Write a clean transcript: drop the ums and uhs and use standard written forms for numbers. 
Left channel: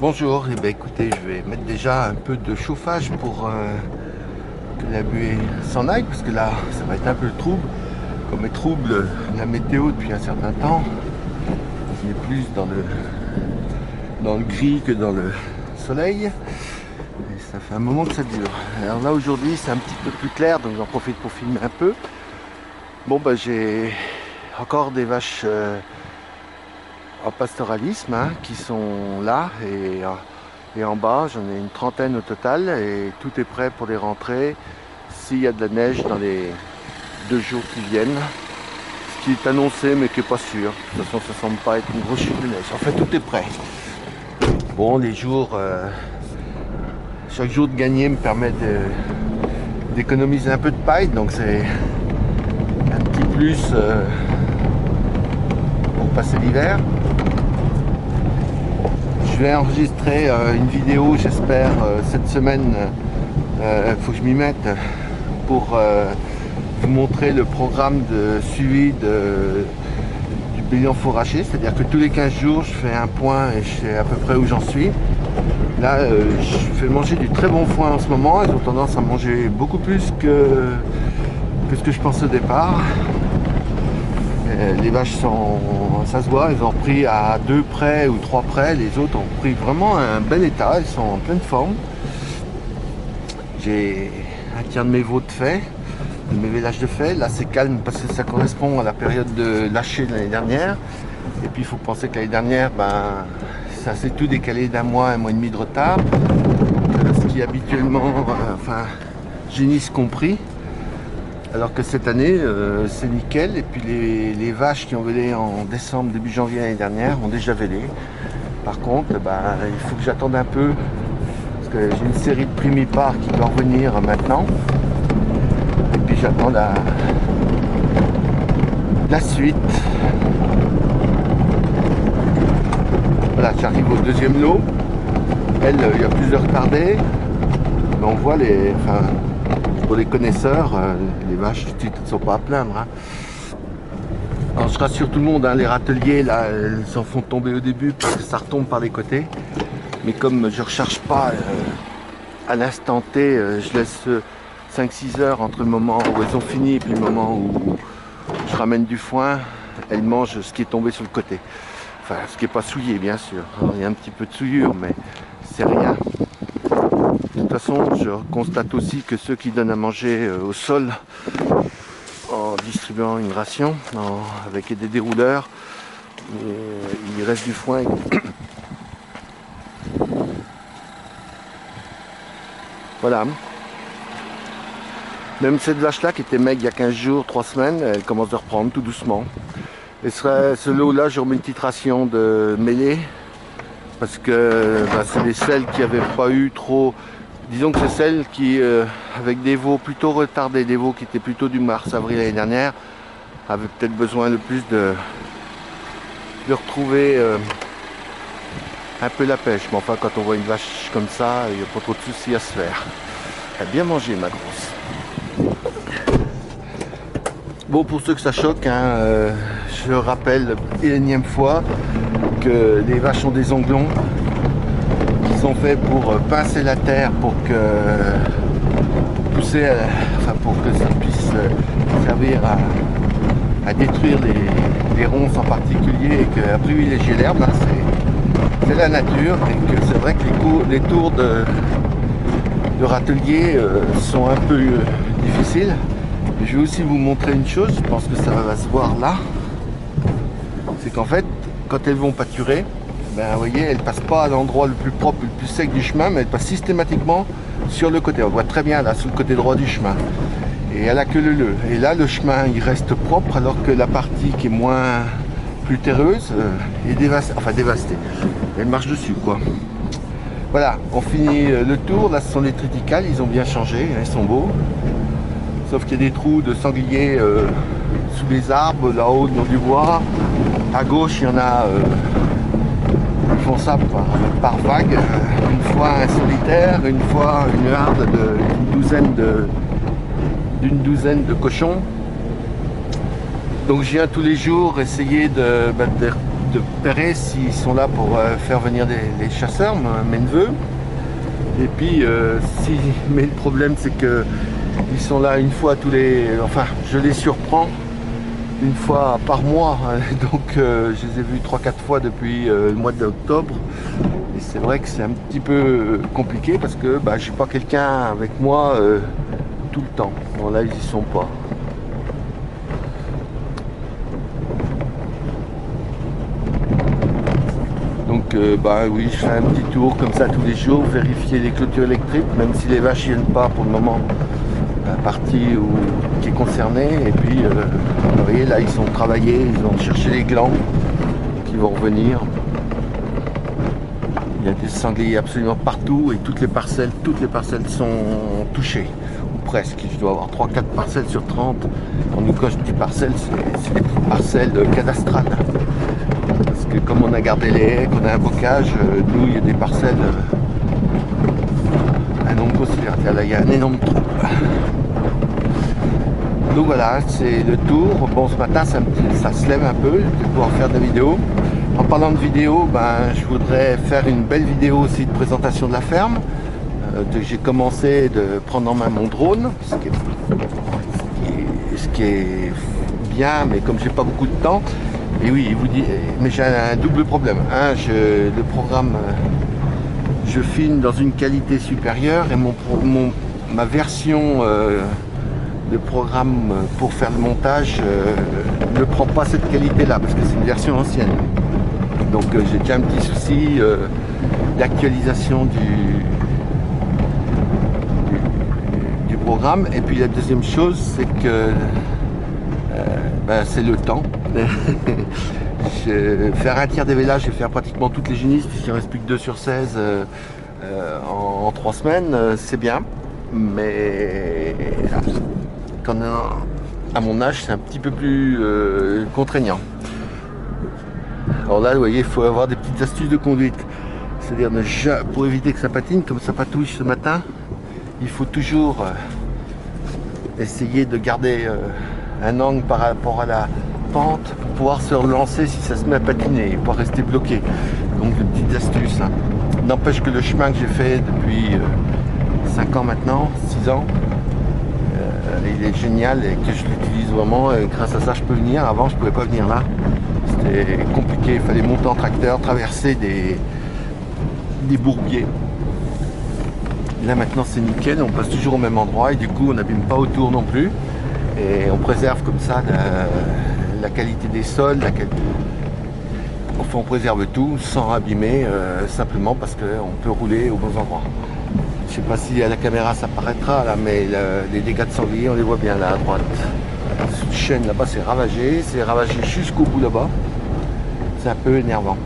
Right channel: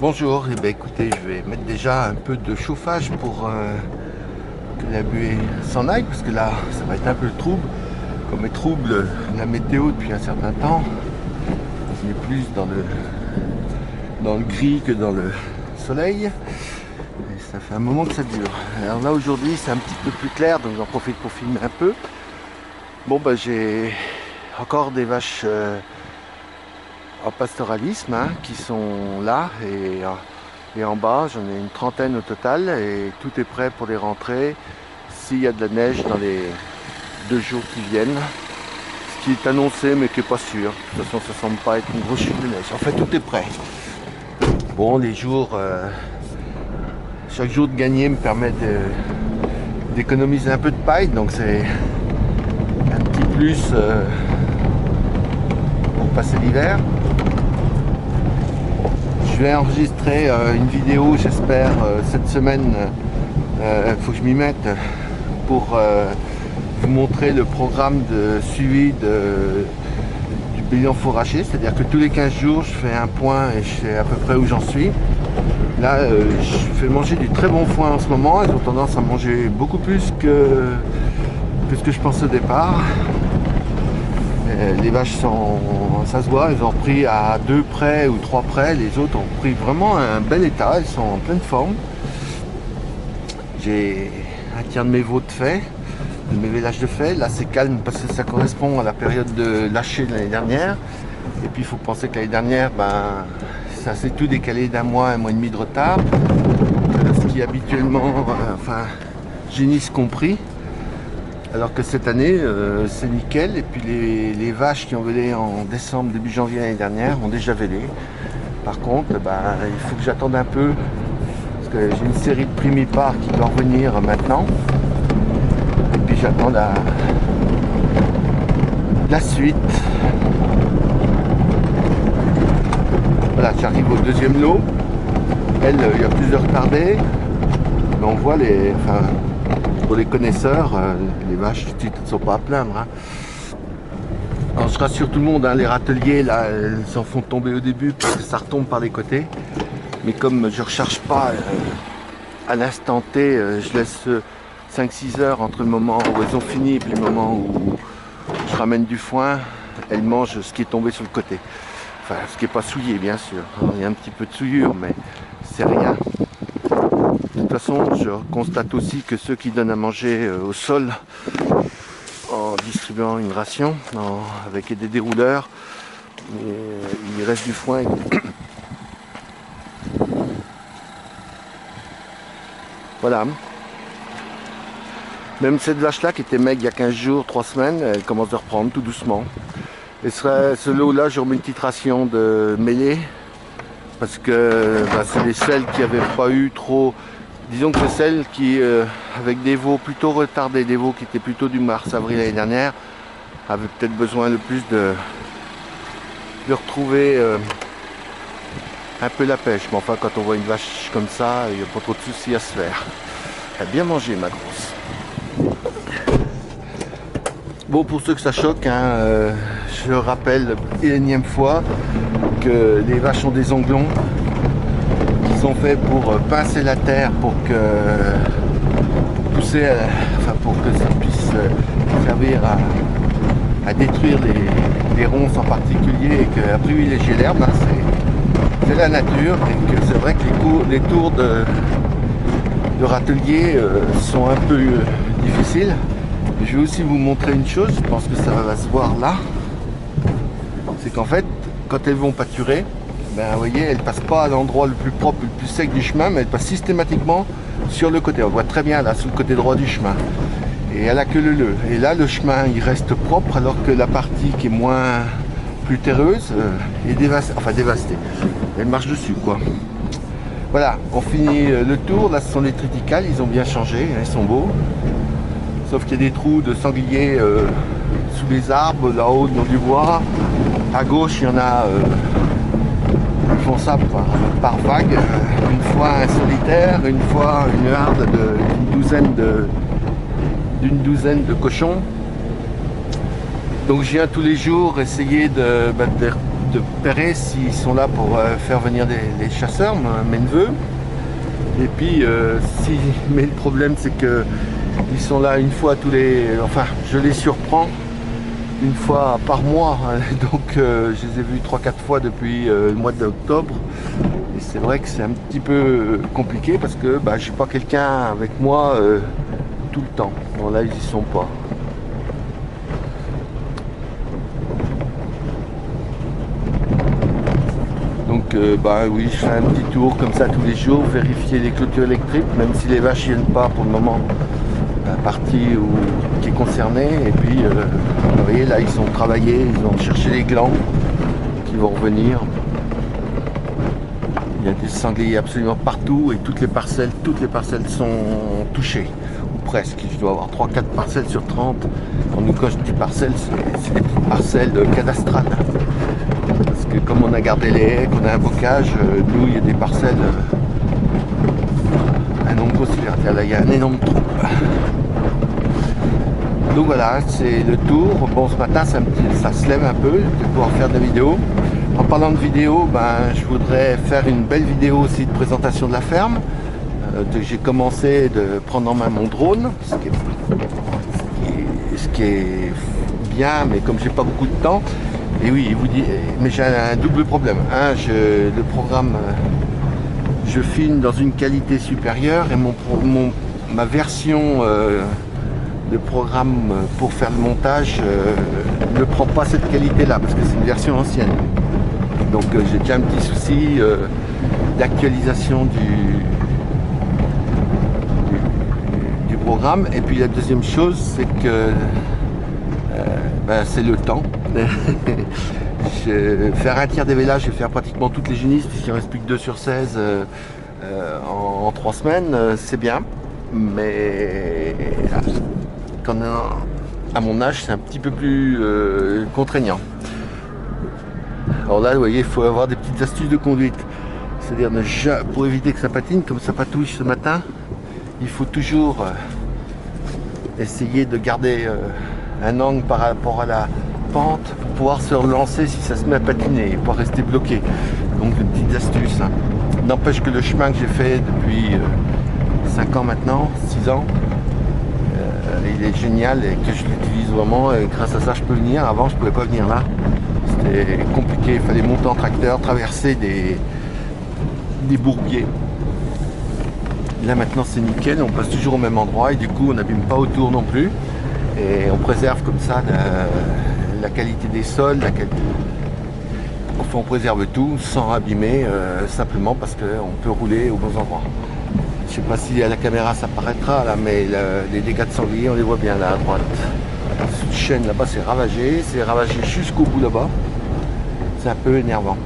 Bonjour, eh bien, écoutez, je vais mettre déjà un peu de chauffage pour que la buée s'en aille, parce que là, ça va être un peu trouble. Comme est trouble la météo depuis un certain temps, on est plus dans le gris que dans le soleil. Et ça fait un moment que ça dure. Alors là, aujourd'hui, c'est un petit peu plus clair, donc j'en profite pour filmer un peu. Bon, bah, j'ai encore des vaches en pastoralisme qui sont là et en bas j'en ai une trentaine au total et tout est prêt pour les rentrées s'il y a de la neige dans les 2 jours qui viennent, ce qui est annoncé mais qui n'est pas sûr. De toute façon ça semble pas être une grosse chute de neige. En fait tout est prêt. Bon, les jours, chaque jour de gagner me permet d'économiser un peu de paille, donc c'est un petit plus pour passer l'hiver. Je vais enregistrer une vidéo, j'espère, cette semaine. Faut que je m'y mette pour vous montrer le programme de suivi du bilan fourrager. C'est-à-dire que tous les 15 jours, je fais un point et je sais à peu près où j'en suis. Là, je fais manger du très bon foin en ce moment. Ils ont tendance à manger beaucoup plus que ce que je pense au départ. Les vaches sont, ça se voit, elles ont repris à 2 près ou 3 près, les autres ont pris vraiment un bel état, elles sont en pleine forme. J'ai un tiers de mes veaux de fait, de mes vélages de fait. Là c'est calme parce que ça correspond à la période de lâcher de l'année dernière. Et puis il faut penser que l'année dernière, ça s'est tout décalé d'un mois, un mois et demi de retard. Ce qui habituellement, génisse compris. Alors que cette année, c'est nickel. Et puis les vaches qui ont vélé en décembre, début janvier l'année dernière, ont déjà vélé. Par contre, il faut que j'attende un peu. Parce que j'ai une série de primipares qui doit revenir maintenant. Et puis j'attends la suite. Voilà, j'arrive au deuxième lot. Elle, il y a plus de retardés. Mais on voit pour les connaisseurs, les vaches ne sont pas à plaindre. Alors je rassure tout le monde, les râteliers là, elles s'en font tomber au début parce que ça retombe par les côtés. Mais comme je ne recharge pas à l'instant T, je laisse 5-6 heures entre le moment où elles ont fini et puis le moment où je ramène du foin. Elles mangent ce qui est tombé sur le côté. Enfin, ce qui n'est pas souillé bien sûr. Alors, il y a un petit peu de souillure, mais c'est rien. De toute façon, je constate aussi que ceux qui donnent à manger au sol en distribuant une ration avec des dérouleurs, il reste du foin. Voilà. Même cette vache-là qui était maigre il y a 15 jours, 3 semaines, elle commence à reprendre tout doucement. Et ce lot-là, je remets une petite ration de mêlée parce que c'est celles qui n'avaient pas eu trop. Disons que c'est celles qui, avec des veaux plutôt retardés, des veaux qui étaient plutôt du mars-avril l'année dernière, avaient peut-être besoin le plus de retrouver un peu la pêche. Mais enfin, quand on voit une vache comme ça, il n'y a pas trop de soucis à se faire. Elle a bien mangé, ma grosse. Bon, pour ceux que ça choque, je rappelle une énième fois que les vaches ont des onglons sont faits pour pincer la terre pour pousser, pour que ça puisse servir à détruire les ronces en particulier et qu'à privilégier l'herbe. C'est la nature et que c'est vrai que les tours de râtelier sont un peu difficiles. Et je vais aussi vous montrer une chose, je pense que ça va se voir là, c'est qu'en fait quand elles vont pâturer, vous voyez, elle passe pas à l'endroit le plus propre, le plus sec du chemin, mais elle passe systématiquement sur le côté. On voit très bien là, sur le côté droit du chemin. Et elle a que le leu. Et là, le chemin, il reste propre, alors que la partie qui est plus terreuse est dévastée. Elle marche dessus, quoi. Voilà, on finit le tour. Là, ce sont les triticales, ils ont bien changé, ils sont beaux. Sauf qu'il y a des trous de sangliers sous les arbres, là-haut, dans du bois. À gauche, il y en a... Ils font ça par vague, une fois un solitaire, une fois une harde d'une douzaine de cochons. Donc je viens tous les jours essayer de de Perret s'ils sont là pour faire venir les chasseurs, mes neveux. Et puis, mais le problème c'est que ils sont là une fois tous les... Enfin, je les surprends une fois par mois. Donc, je les ai vus 3-4 fois depuis le mois d'octobre. Et c'est vrai que c'est un petit peu compliqué parce que j'ai pas quelqu'un avec moi tout le temps. Bon, là, ils y sont pas. Donc oui, je fais un petit tour comme ça tous les jours, vérifier les clôtures électriques, même si les vaches viennent pas pour le moment, la partie qui est concernée. Et puis vous voyez là, ils sont travaillés, ils ont cherché les glands, donc ils vont revenir. Il y a des sangliers absolument partout et toutes les parcelles sont touchées, ou presque. Je dois avoir 3-4 parcelles sur 30. Quand je dis parcelles, c'est des petites parcelles cadastrales. Parce que comme on a gardé les haies, qu'on a un bocage, nous il y a des parcelles, un nombre considérable. Là il y a un énorme trou. Donc voilà, c'est le tour. Bon, ce matin ça se lève un peu, je vais pouvoir faire des vidéos. En parlant de vidéo, je voudrais faire une belle vidéo aussi de présentation de la ferme. J'ai commencé de prendre en main mon drone, ce qui est bien, mais comme j'ai pas beaucoup de temps. Et oui, il vous dit, mais j'ai un double problème. Le programme, je filme dans une qualité supérieure et ma version de programme pour faire le montage ne prend pas cette qualité-là parce que c'est une version ancienne. Donc j'ai déjà un petit souci d'actualisation du programme. Et puis la deuxième chose, c'est que c'est le temps. Faire un tiers des vélages et faire pratiquement toutes les génisses, puisqu'il ne reste plus que 2 sur 16 en 3 semaines, c'est bien. Mais à mon âge, c'est un petit peu plus contraignant. Alors là, vous voyez, il faut avoir des petites astuces de conduite. C'est-à-dire, pour éviter que ça patine, comme ça patouille ce matin, il faut toujours essayer de garder un angle par rapport à la pente pour pouvoir se relancer si ça se met à patiner et pas rester bloqué. Donc, une petite astuce. N'empêche que le chemin que j'ai fait depuis 5 ans maintenant, 6 ans, il est génial et que je l'utilise vraiment. Et grâce à ça, je peux venir. Avant, je ne pouvais pas venir là. C'était compliqué, il fallait monter en tracteur, traverser des bourbiers. Là maintenant c'est nickel, on passe toujours au même endroit et du coup on n'abîme pas autour non plus. Et on préserve comme ça la qualité des sols, enfin on préserve tout sans abîmer, simplement parce qu'on peut rouler aux bons endroits. Je sais pas si à la caméra ça paraîtra là, mais les dégâts de sanglier on les voit bien là à droite. Cette chaîne là-bas c'est ravagé jusqu'au bout là-bas. C'est un peu énervant.